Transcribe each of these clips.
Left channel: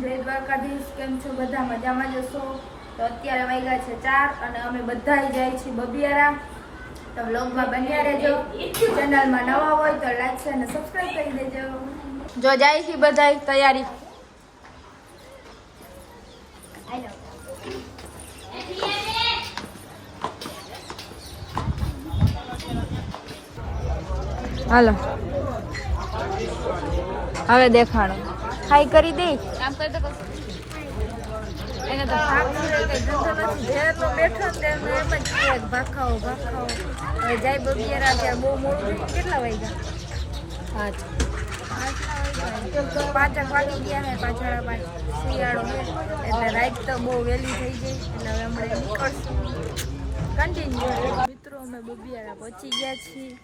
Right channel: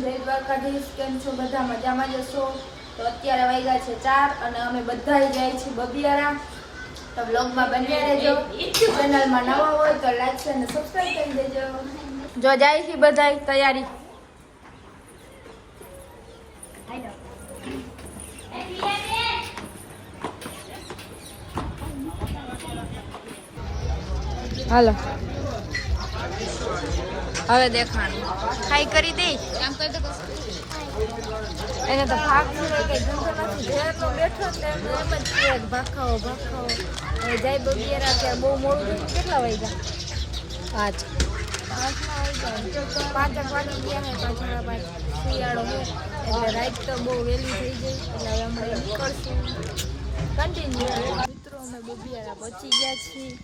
જય દ્વારકાધીશ. કેમ છો બધા? મજામાં જશો? તો અત્યારે વાગ્યા છે 4 અને અમે બધા જાય છીએ બબિયારા. તો વ્લોગમાં બન્યા રહેજો. ચેનલમાં નવા હોય તો લાઈક શેર અને સબસ્ક્રાઇબ કરી દેજો. જો જાય છે બધા તૈયારી. હાલો હવે દેખાણું ખાઈ કરી દે. એને તો ભાગવું કઈ ધંધો નથી. ઘેરનો બેઠો ને એમને એમ જ કહે ભાખાવો ભાખાવો. હવે જાય બબિયારા ત્યાં બહુ મોડું થઈ ગયું. કેટલા વાગ્યા? 5 વાગી ગયા હે. 5:30 શિયાળો હે એટલે રાત તો બહુ વહેલી થઈ ગઈ. એટલે હવે હમણાં નીકળશું કન્ટિન્યુ. મિત્રો અમે બબિયારા પહોંચી ગયા છીએ.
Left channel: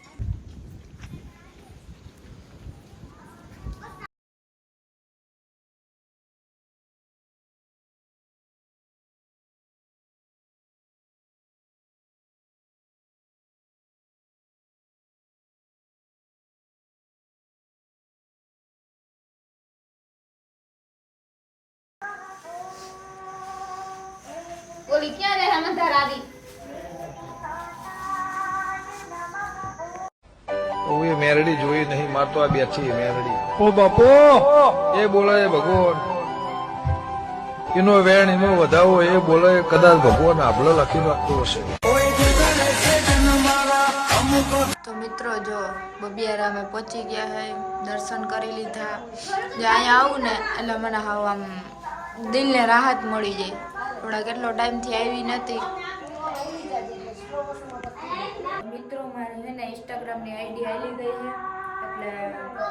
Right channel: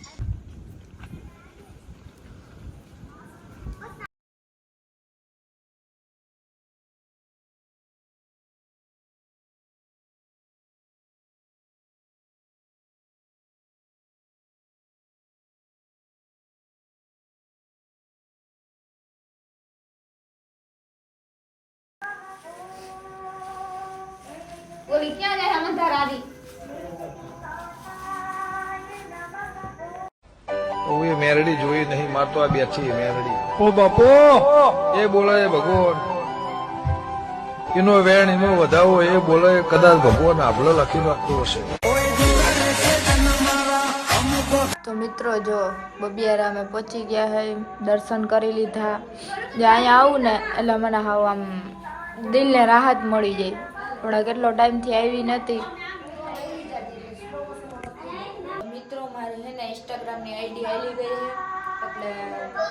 ઓલી ક્યાં રહે હમણાં રાધી? ઓએ મેરડી જોઈ નહીં, માર તો આ બેઠી મેરડી. ઓ બાપો એ બોલે ભગવાન, એનો વેણ એનો વધાવો એ બોલે કદાચ ભગવાન આભલો લખી નાખતો હશે. તો મિત્રો જો બબિયારા અમે પહોંચી ગયા હે. દર્શન કરી લીધા. જે અહીંયા આવું ને એટલે મને હાવ આમ દિલને રાહત મળી જાય. થોડા કેટલો ટાઈમથી આવી નથી. મિત્રો મારી છે ને ઇન્સ્ટાગ્રામની આઈડી હાલી ગઈ છે એટલે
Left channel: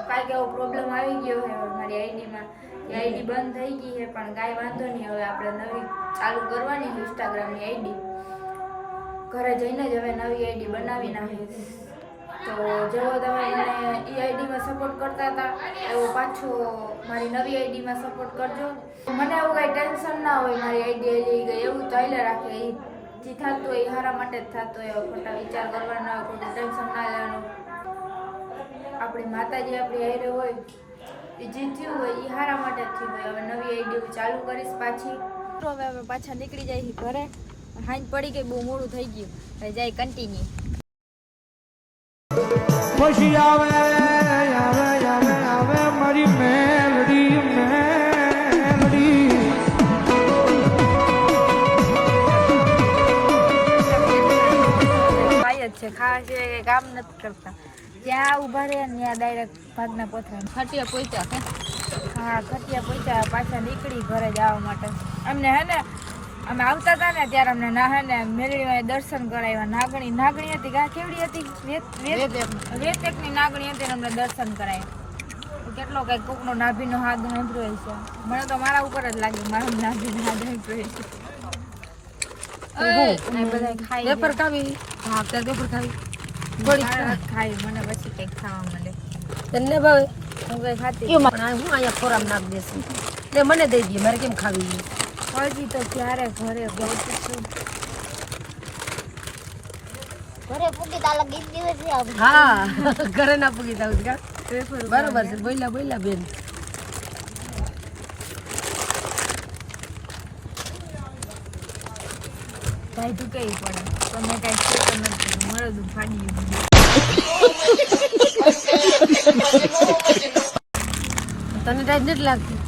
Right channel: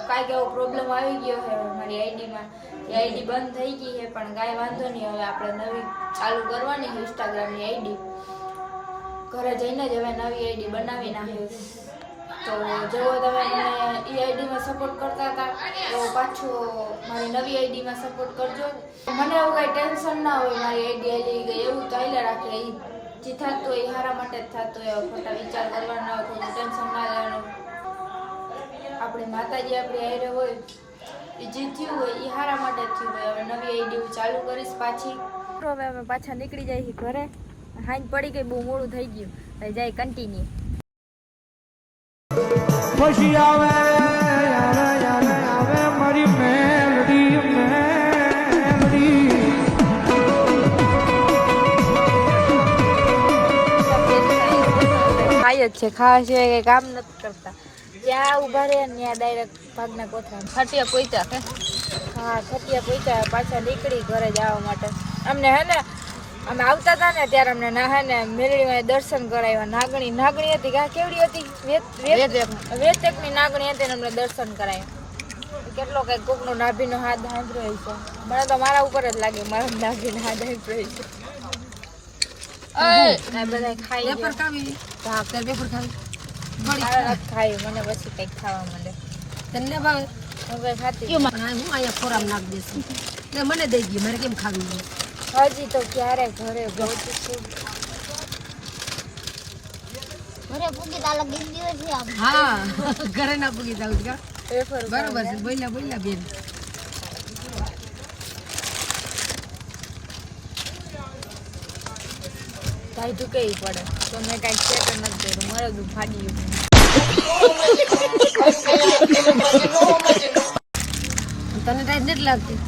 કાંઈક એવો પ્રોબ્લેમ આવી ગયો છે મારી આઈડીમાં. એ આઈડી બંધ થઈ ગઈ છે પણ કાંઈ વાંધો નહીં. હવે આપણે નવી ચાલુ કરવાની છે ઇન્સ્ટાગ્રામની આઈડી. ઘરે જઈને જ હવે નવી આઈડી બનાવી નાખી. તો જેવો તમે મને એ આઈડીમાં સપોર્ટ કરતા હતા એવો પાછો મારી નવી આઈડીમાં સપોર્ટ કરજો. મને એવું કાંઈ ટેન્શન ના હોય મારી આઈડી આવી ગઈ એવું તો હાલ્યા રાખે. એ જે થતું હોય એ હારા માટે જ થતું હોય. ખોટા વિચાર કરવાના હોય, કોઈ ટેન્શન ના લેવાનું. આપણી માતાજી આપણી હારે હોય એ જે થયું હોય એ હારા માટે જ થયું હોય. હવે નવી આઈડી ચાલુ કરીશ પાછી. હવે અમે પાછા નીકળી જાય ઘરે. હાંજ પડી ગઈ, બહુ મોડું થઈ ગયું. હવે જાય કન્ટિન્યુ. પછી આવે આવે આવે આવે મારી મેલડી મેલડી. ખાય જ છે, ખાવા સિવાય કઈ કામ નથી કરતા. જ્યાં ઉભા રહે ત્યાં ડાયરેક્ટ ભાગના કોથળા. ખટિયા પોઈચા. હા ખટિયા પહોંચ્યા. પાછા નીકળી ઘરે જવા માટે. અમને હે ને અમે આવતા હતા ને ત્યારે અમને ના હે ને મેલડીમાં દર્શન કરાવ્યા. નાગણી હતી કા કેવડી હતી? વેતેકની નાગણી હતી ને અમને દર્શન કરાવ્યા. કેટલો કઈ કોકનો નાભીનો હાથ હાંભળ્યો છે. મને તો મારા ઉપર જ લાગે મારા નાભીનો હાથ હાંભળ્યો છે. બધા ખાઈ પેપર ખાવી. હા પેપર ખાવી. ખાઈ મને પછી કઈક ખાવા માંડે. તને ભાવે? હું કઈ ખાતી હું અહીંયા ખોરાક નાખ દેશું એટલે મને દઈ ગઈ. મારે કેમ ખાવી? હજી તો ક્યારે ઘરે પહોંચીશું. હા ઘરે ના પૂગી જાવ કા? પેપર બરોબર છે. બોલ્યા બેન. ભાઈ તું કઈ પડે તો મેં કઈ છે તો નથી કર્યું. મારું દુઃખ ફાડી ગયું. તને ટાઈમ નથી લાગતી?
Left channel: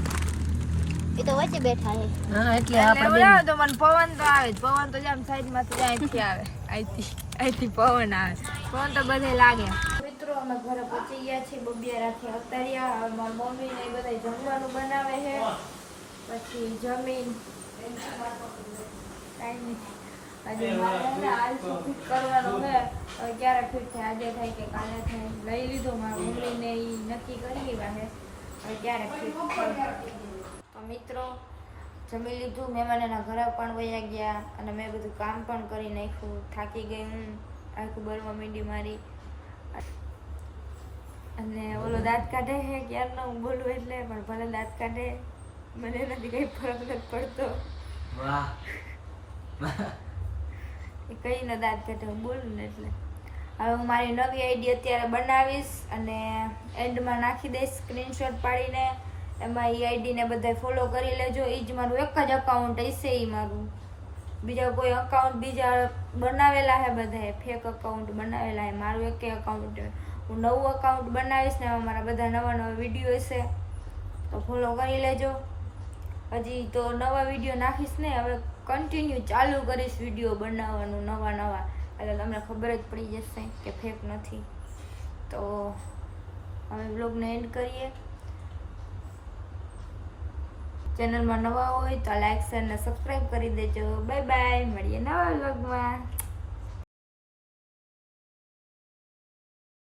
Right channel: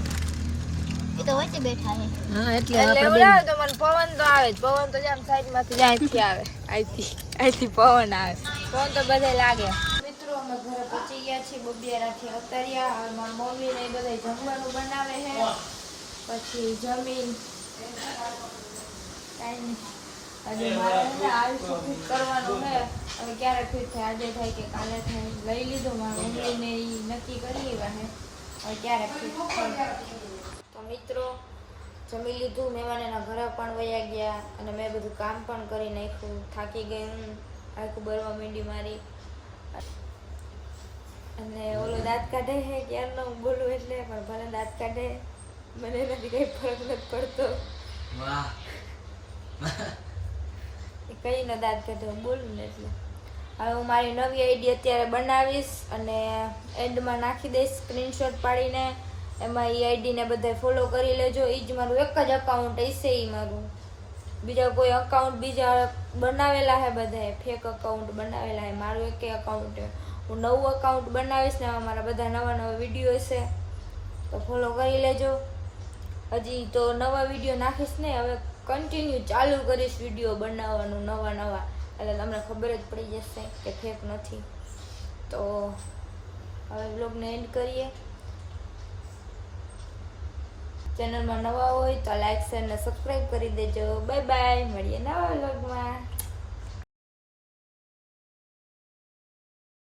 હા એટલે લેવડાવે તો મને પવન તો આવે જ. પવન તો જામ સાઈડમાંથી અહીંથી આવે. અહીંથી પવન આવે. પવન તો બધે લાગે. મિત્રો અમે ઘરે પહોંચી ગયા છીએ. બબિયારાથી અતર્યા. હવે મારી મમ્મી ને એ બધા જમવાનું બનાવે છે. પછી જમીન કાંઈ નહીં. હજી મારે આલસી ફિટ કરવાનો છે. હવે ક્યારે ફિટ થાય? આજે થાય કે કાલે થાય. લઈ લીધો મારા મમ્મીને એ નક્કી કરી લેવા છે. હવે ક્યારે ફિટ થાય. તો મિત્રો જમી લીધું. મહેમાનના ઘરે પણ વયા ગયા અને મેં બધું કામ પણ કરી નાખ્યું. થાકી ગઈ હું. આખું બરવા મીંડી મારી. અને ઓલો દાંત કાઢે છે ક્યારનો હું બોલું એટલે. પણ ભલે દાંત કાઢે મને એનાથી કંઈ ફરક નથી પડતો. એ કઈને દાંત કાઢે હું બોલું ને એટલે. હવે હું મારી નવી આઈડી અત્યારે બનાવીશ અને એન્ડમાં નાખી દઈશ સ્ક્રીનશોટ પાડીને. એમાં એ આઈડીને બધા ફોલો કરી લેજો. એ જ મારું એક જ અકાઉન્ટ હશે. એ મારું બીજા કોઈ અકાઉન્ટ બીજા બનાવેલા હે, બધાએ ફેક અકાઉન્ટ બનાવેલા હે. મારું એક અકાઉન્ટ હું નવું અકાઉન્ટ બનાવીશ ને એમાં મારા બધા નવા નવા વિડીયો હશે, તો ફોલો કરી લેજો. હજી તો નવા વિડીયો નાખીશ ને, હવે કન્ટિન્યુ ચાલુ કરીશ વિડીયો બનાવવાનું નવા, એટલે તમને ખબર જ પડી જશે કે ફેક નથી. તો હવે બ્લોગને એન્ડ કરીએ. ચેનલમાં નવા હોય તો લાઈક શેર ને સબસ્ક્રાઈબ કરી દેજો. બાય બાય, મળીએ નવા બ્લોગમાં.